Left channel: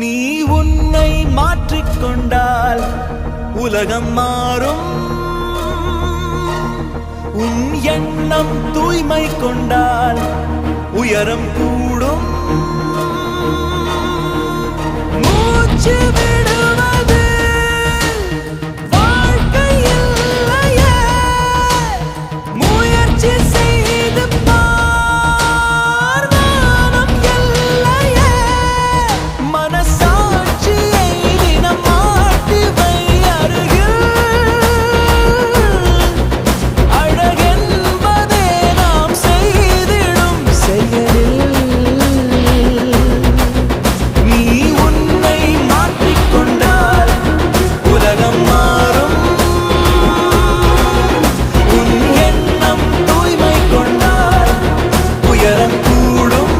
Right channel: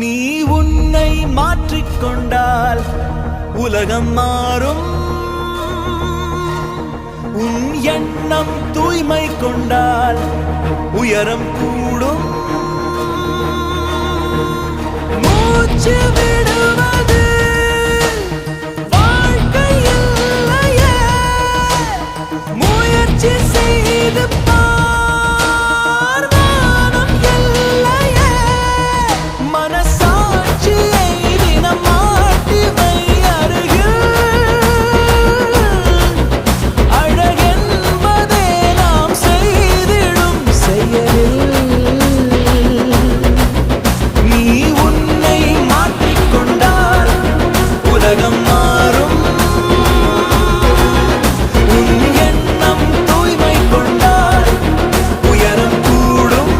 நீ உன்னை மாற்றிக்கொண்டால் உலகம் மாறும். உன் எண்ணம் தூய்மை கொண்டால் உயரம் கூடும். மூச்சு விடுவது வாழ்க்கை இல்லையே, முயற்சி செய்து பார், வானம் எல்லையே. மனசாட்சியை தினம் மாட்டி வை அருகில், அழகென்பதே நாம் செய்திடும் செயலில். உலகம் மாறும். உன் எண்ணம் தூய்மை கொண்டால் உயரம் கூடும்.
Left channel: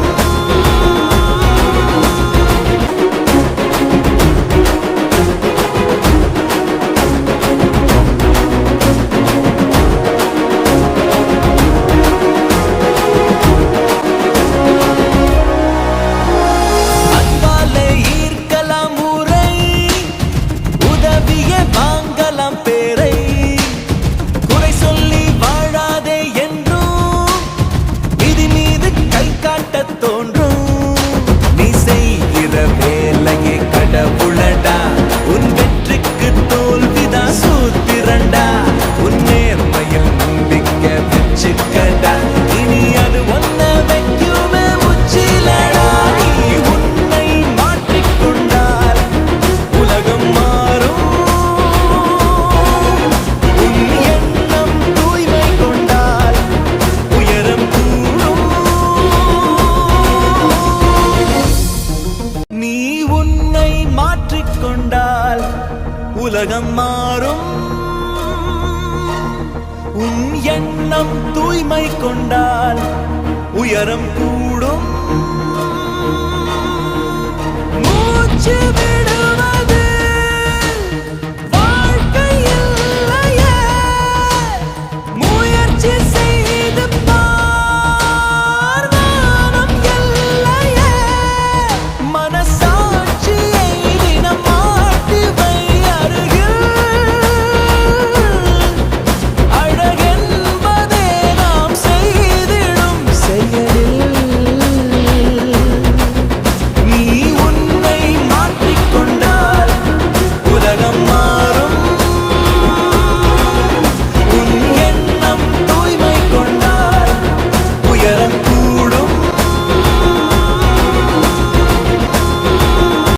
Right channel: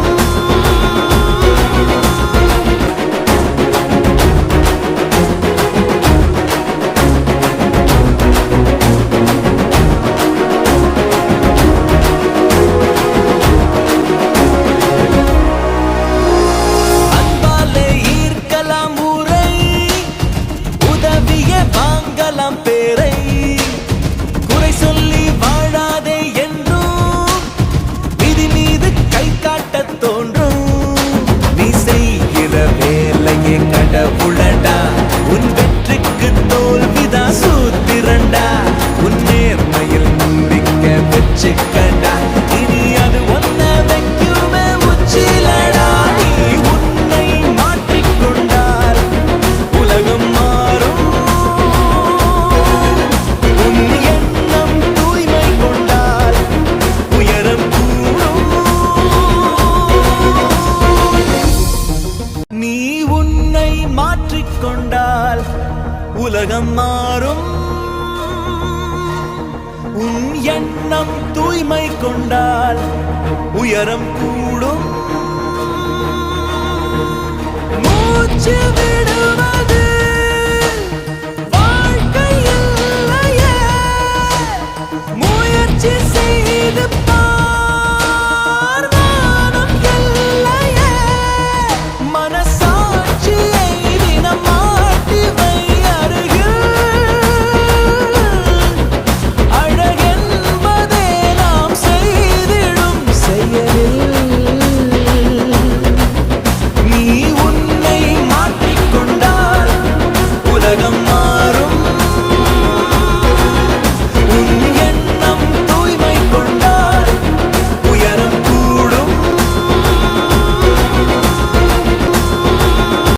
அன்பாலே ஈர்க்கலாம் ஊரை, உதவிய வாங்கலாம் பேரை. குறை சொல்லி வாழாதே என்றும் விதி மீது கை காட்ட தோன்றும். நீ செய்கிற வேலையே கடவுளடா, உன் வெற்றிக்கு தோல்விதான் சூத்திரண்டா. உன் நேர்மையில் நம்பிக்கை வச்சுக்கடா, இனி அது ஒன்ன வைக்குமே உச்சிலடா. நீ உன்னை மாற்றிக்கொண்டால் உலகம் மாறும். உன் எண்ணம் தூய்மை கொண்டால் உயரம் கூடும். நீ உன்னை மாற்றிக்கொண்டால் உலகம் மாறும். உன் எண்ணம் தூய்மை கொண்டால் உயரம் கூடும். மூச்சு